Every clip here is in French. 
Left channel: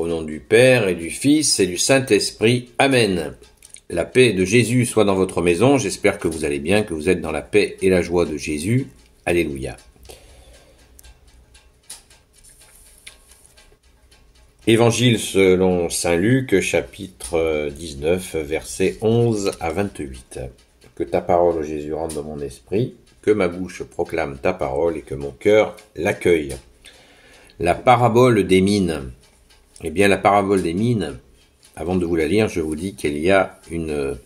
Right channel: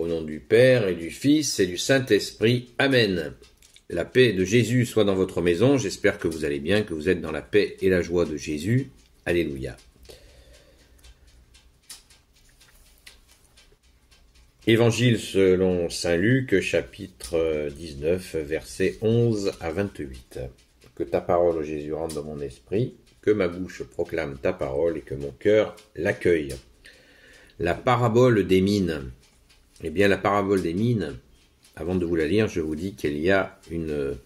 Au nom du Père et du Fils et du Saint-Esprit. Amen. La paix de Jésus soit dans votre maison. J'espère que vous allez bien, que vous êtes dans la paix et la joie de Jésus. Alléluia. Évangile selon saint Luc, chapitre 19, versets 11 à 28. Que ta parole, Jésus, rentre dans mon esprit, que ma bouche proclame ta parole et que mon cœur l'accueille. La parabole des mines. Eh bien, la parabole des mines, avant de vous la lire, je vous dis qu'il y a une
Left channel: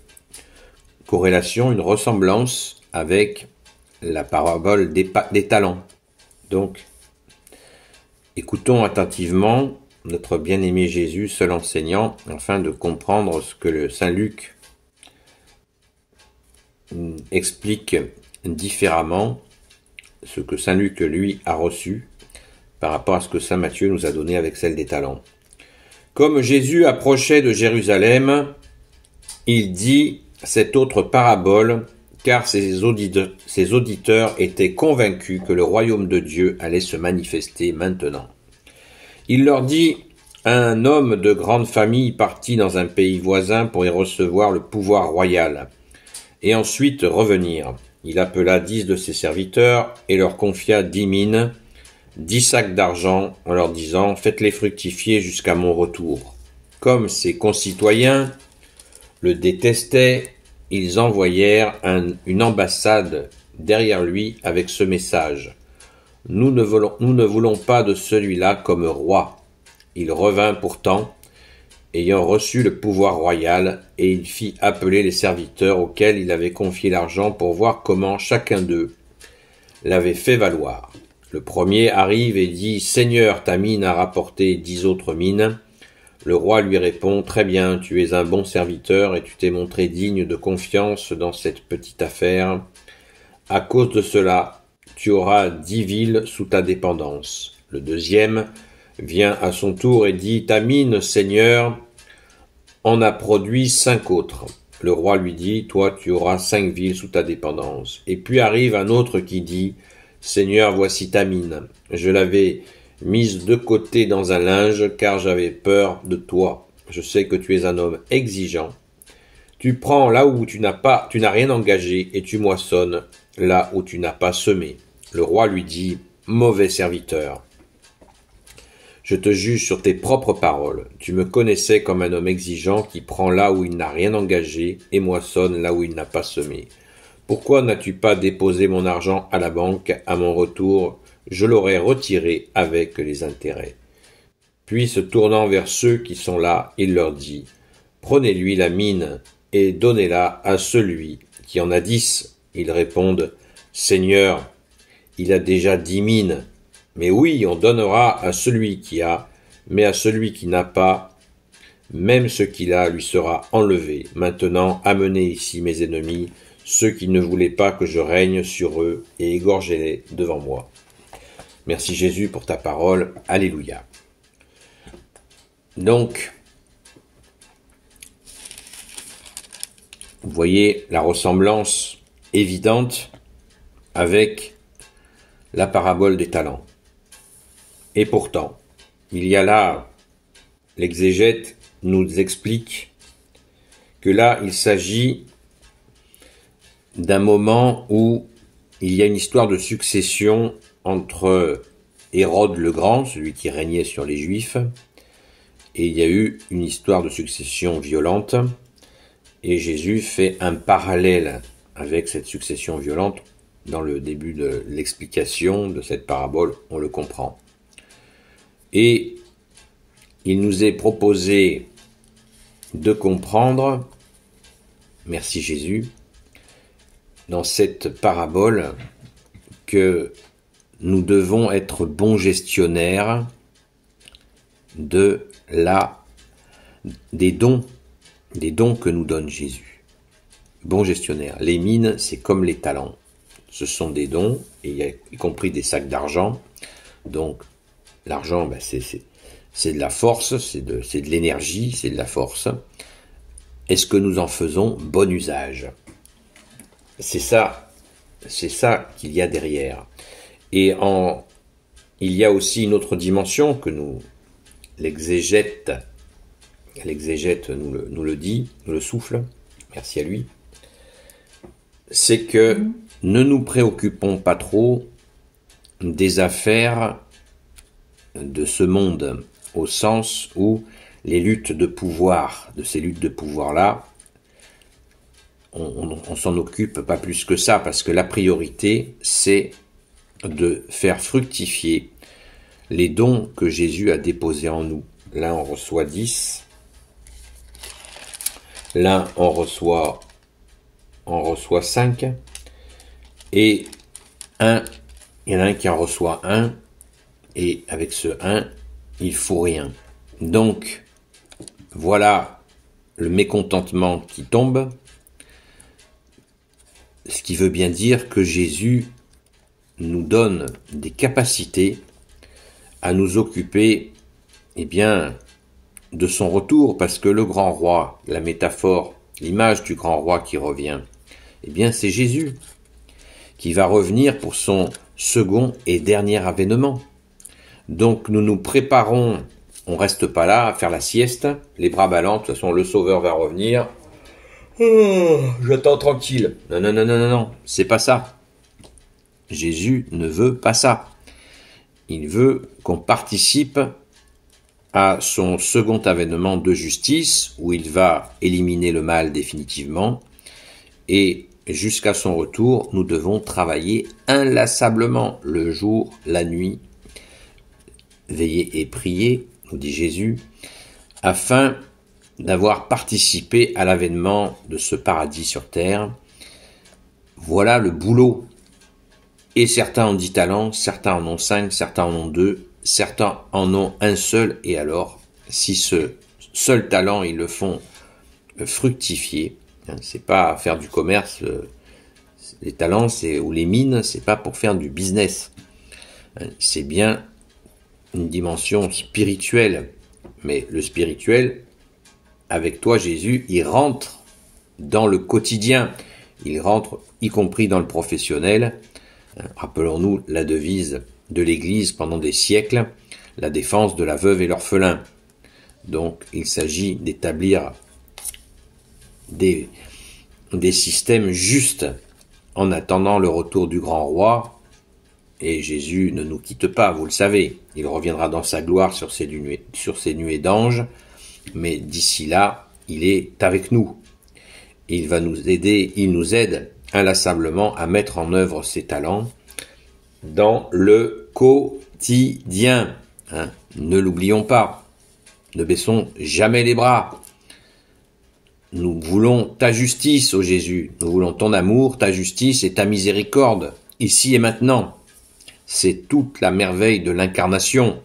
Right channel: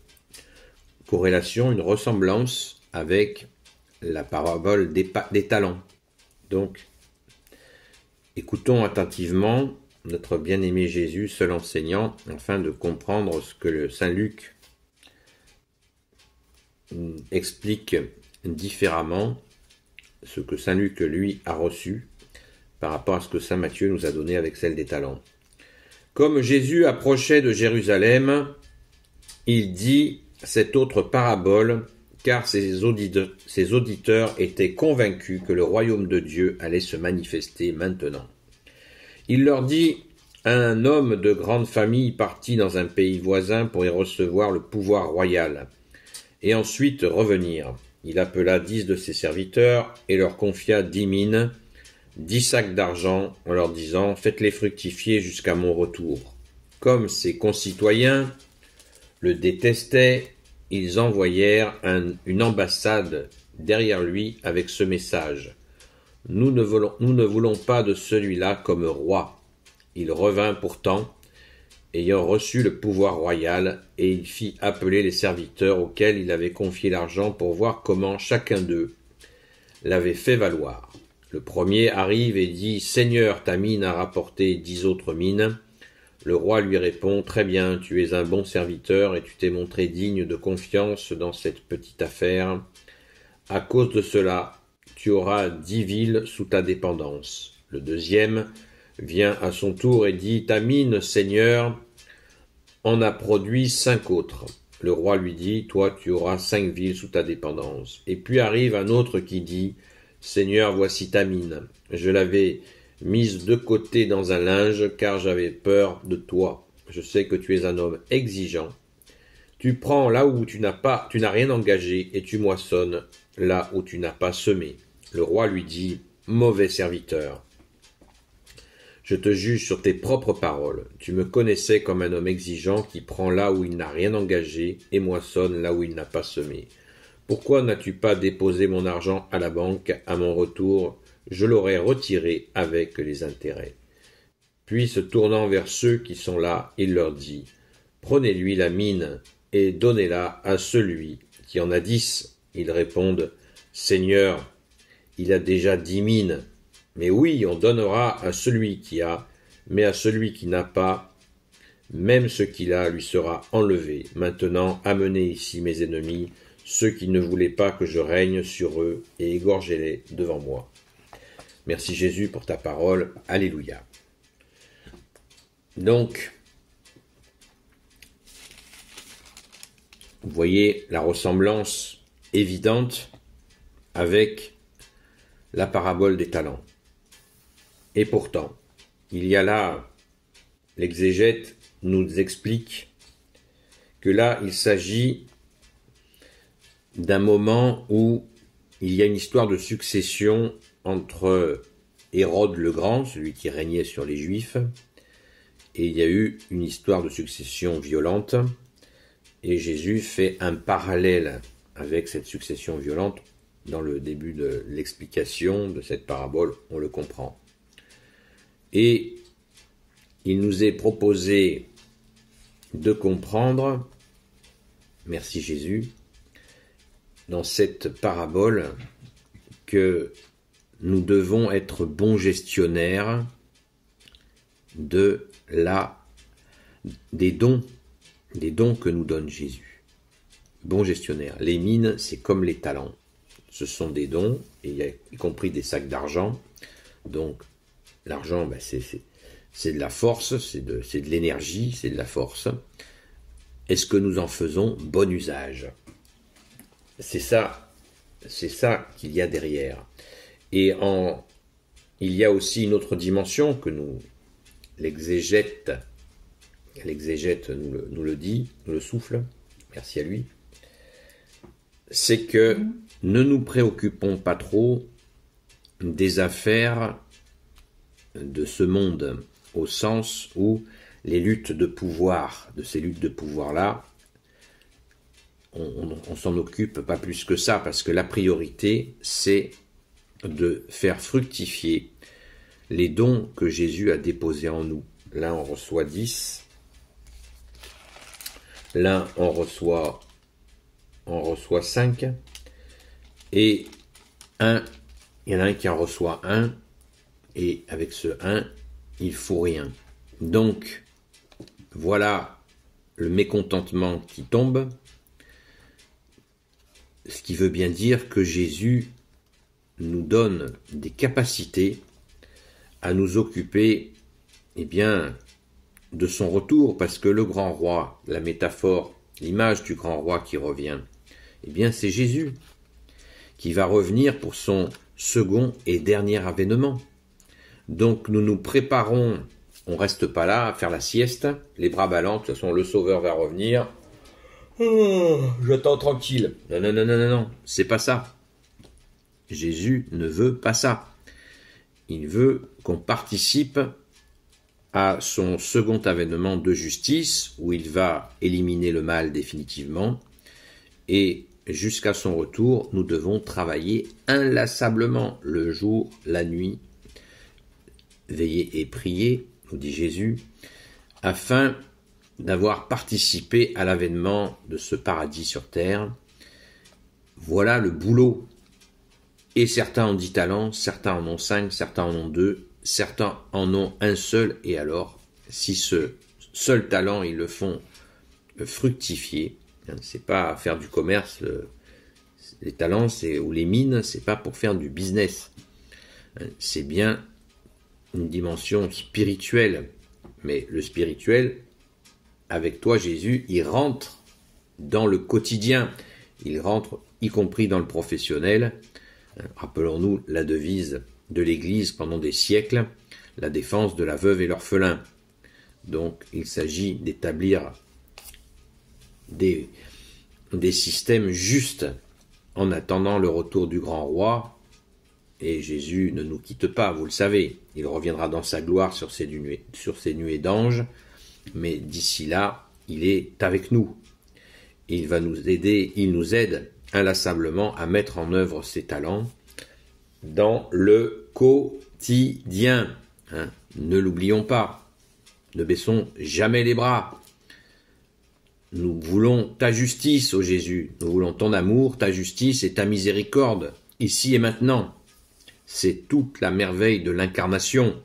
corrélation, une ressemblance avec la parabole des talents. Donc, écoutons attentivement notre bien-aimé Jésus, seul enseignant, afin de comprendre ce que le Saint Luc explique différemment, ce que Saint Luc, lui, a reçu par rapport à ce que Saint Matthieu nous a donné avec celle des talents. Comme Jésus approchait de Jérusalem, il dit cette autre parabole, car ses auditeurs étaient convaincus que le royaume de Dieu allait se manifester maintenant. Il leur dit, un homme de grande famille partit dans un pays voisin pour y recevoir le pouvoir royal, et ensuite revenir. Il appela 10 de ses serviteurs et leur confia 10 mines, 10 sacs d'argent, en leur disant « Faites-les fructifier jusqu'à mon retour ». Comme ses concitoyens le détestaient, ils envoyèrent une ambassade derrière lui avec ce message « Nous ne voulons pas de celui-là comme roi ». Il revint pourtant, ayant reçu le pouvoir royal, et il fit appeler les serviteurs auxquels il avait confié l'argent pour voir comment chacun d'eux l'avait fait valoir. Le premier arrive et dit « Seigneur, ta mine a rapporté 10 autres mines ». Le roi lui répond « Très bien, tu es un bon serviteur et tu t'es montré digne de confiance dans cette petite affaire. À cause de cela, tu auras 10 villes sous ta dépendance. » Le deuxième vient à son tour et dit « Ta mine, Seigneur, en a produit 5 autres. » Le roi lui dit « Toi, tu auras 5 villes sous ta dépendance. » Et puis arrive un autre qui dit « Seigneur, voici ta mine. Je l'avais mise de côté dans un linge, car j'avais peur de toi. Je sais que tu es un homme exigeant. Tu prends là où tu n'as rien engagé, et tu moissonnes là où tu n'as pas semé. » Le roi lui dit « Mauvais serviteur. Je te juge sur tes propres paroles. Tu me connaissais comme un homme exigeant qui prend là où il n'a rien engagé et moissonne là où il n'a pas semé. Pourquoi n'as-tu pas déposé mon argent à la banque? À mon retour, je l'aurais retiré avec les intérêts. » Puis, se tournant vers ceux qui sont là, il leur dit « Prenez-lui la mine et donnez-la à celui qui en a 10. » Ils répondent « Seigneur, il a déjà 10 mines. » « Mais oui, on donnera à celui qui a, mais à celui qui n'a pas, même ce qu'il a lui sera enlevé. Maintenant, amenez ici mes ennemis, ceux qui ne voulaient pas que je règne sur eux, et égorgez-les devant moi. » Merci Jésus pour ta parole. Alléluia. Donc, vous voyez la ressemblance évidente avec la parabole des talents. Et pourtant, il y a là, l'exégète nous explique que là, il s'agit d'un moment où il y a une histoire de succession entre Hérode le Grand, celui qui régnait sur les Juifs, et il y a eu une histoire de succession violente, et Jésus fait un parallèle avec cette succession violente. Dans le début de l'explication de cette parabole, on le comprend. Et il nous est proposé de comprendre, merci Jésus, dans cette parabole, que nous devons être bons gestionnaires des dons que nous donne Jésus. Bons gestionnaires. Les mines, c'est comme les talents. Ce sont des dons, et y compris des sacs d'argent. Donc, l'argent, c'est de la force, c'est de l'énergie, c'est de la force. Est-ce que nous en faisons bon usage? C'est ça qu'il y a derrière. Et il y a aussi une autre dimension que nous l'exégète nous le dit, nous le souffle, merci à lui, c'est que ne nous préoccupons pas trop des affaires de ce monde, au sens où les luttes de pouvoir, de ces luttes de pouvoir-là, on s'en occupe pas plus que ça, parce que la priorité, c'est de faire fructifier les dons que Jésus a déposés en nous. L'un en reçoit 10, l'un en reçoit 5, et il y en a un qui en reçoit 1, et avec ce 1, il faut rien. Donc, voilà le mécontentement qui tombe, ce qui veut bien dire que Jésus nous donne des capacités à nous occuper, eh bien, de son retour, parce que le grand roi, la métaphore, l'image du grand roi qui revient, eh bien, c'est Jésus qui va revenir pour son second et dernier avènement. Donc, nous nous préparons, on reste pas là à faire la sieste, les bras ballants, de toute façon, le Sauveur va revenir. J'attends tranquille. Non, c'est pas ça. Jésus ne veut pas ça. Il veut qu'on participe à son second avènement de justice, où il va éliminer le mal définitivement, et jusqu'à son retour, nous devons travailler inlassablement, le jour, la nuit, veiller et prier, nous dit Jésus, afin d'avoir participé à l'avènement de ce paradis sur terre. Voilà le boulot. Et certains ont 10 talents, certains en ont 5, certains en ont 2, certains en ont un seul, et alors, si ce seul talent, ils le font fructifier, c'est pas faire du commerce, les talents ou les mines, c'est pas pour faire du business, c'est bien une dimension spirituelle, mais le spirituel, avec toi Jésus, il rentre dans le quotidien, il rentre y compris dans le professionnel. Rappelons-nous la devise de l'Église pendant des siècles, la défense de la veuve et l'orphelin. Donc il s'agit d'établir des systèmes justes en attendant le retour du grand roi. Et Jésus ne nous quitte pas, vous le savez, il reviendra dans sa gloire sur ses nuées d'anges, mais d'ici là, il est avec nous. Il va nous aider, il nous aide inlassablement à mettre en œuvre ses talents dans le quotidien. Ne l'oublions pas, ne baissons jamais les bras. Nous voulons ta justice, ô Jésus, nous voulons ton amour, ta justice et ta miséricorde, ici et maintenant. C'est toute la merveille de l'incarnation.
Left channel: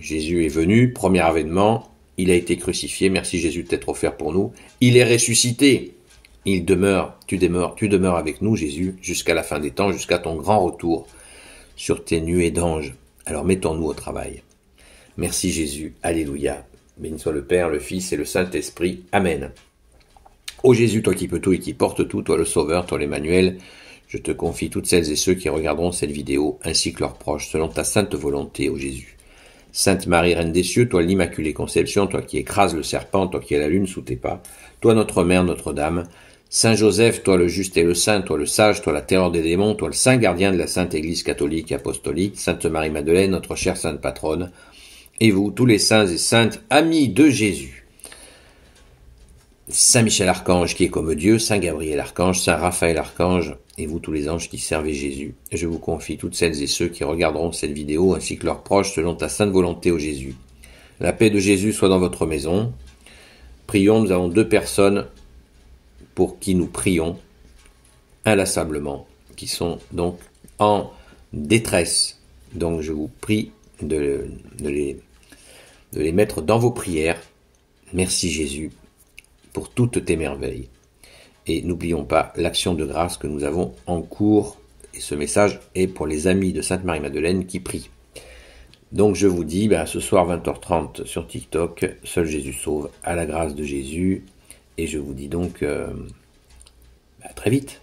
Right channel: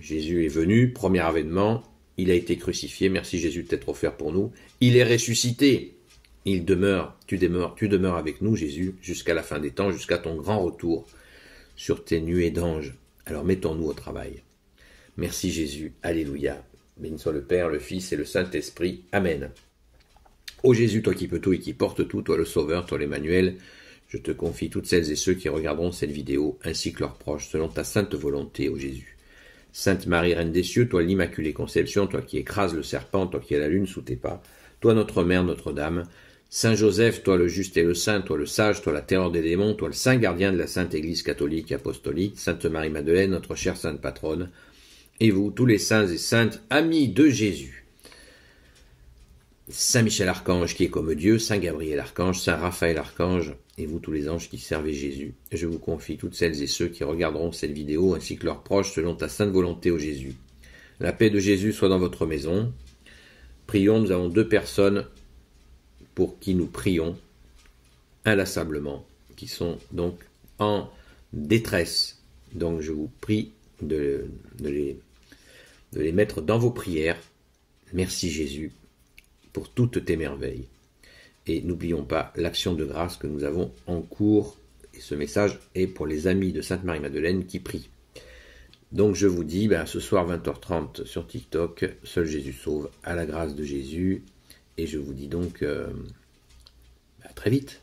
Jésus est venu, premier avènement, il a été crucifié, merci Jésus de t'être offert pour nous, il est ressuscité, il demeure, tu demeures avec nous Jésus, jusqu'à la fin des temps, jusqu'à ton grand retour sur tes nuées d'anges. Alors mettons-nous au travail. Merci Jésus, alléluia, béni soit le Père, le Fils et le Saint-Esprit, amen. Ô Jésus, toi qui peux tout et qui portes tout, toi le Sauveur, toi l'Emmanuel, je te confie toutes celles et ceux qui regarderont cette vidéo, ainsi que leurs proches, selon ta sainte volonté, ô Jésus. Sainte Marie, Reine des cieux, toi l'Immaculée Conception, toi qui écrases le serpent, toi qui as la lune sous tes pas, toi notre Mère, Notre-Dame, Saint Joseph, toi le juste et le saint, toi le sage, toi la terreur des démons, toi le saint gardien de la Sainte Église catholique et apostolique, Sainte Marie-Madeleine, notre chère Sainte Patronne, et vous, tous les saints et saintes, amis de Jésus. Saint Michel Archange qui est comme Dieu, Saint Gabriel Archange, Saint Raphaël Archange, et vous tous les anges qui servez Jésus. Je vous confie toutes celles et ceux qui regarderont cette vidéo, ainsi que leurs proches, selon ta sainte volonté, ô Jésus. La paix de Jésus soit dans votre maison. Prions, nous avons 2 personnes pour qui nous prions inlassablement, qui sont donc en détresse. Donc je vous prie de les mettre dans vos prières. Merci Jésus pour toutes tes merveilles. Et n'oublions pas l'action de grâce que nous avons en cours. Et ce message est pour les amis de Sainte Marie-Madeleine qui prient. Donc je vous dis, ce soir 20h30 sur TikTok, Seul Jésus sauve, à la grâce de Jésus. Et je vous dis donc à très vite.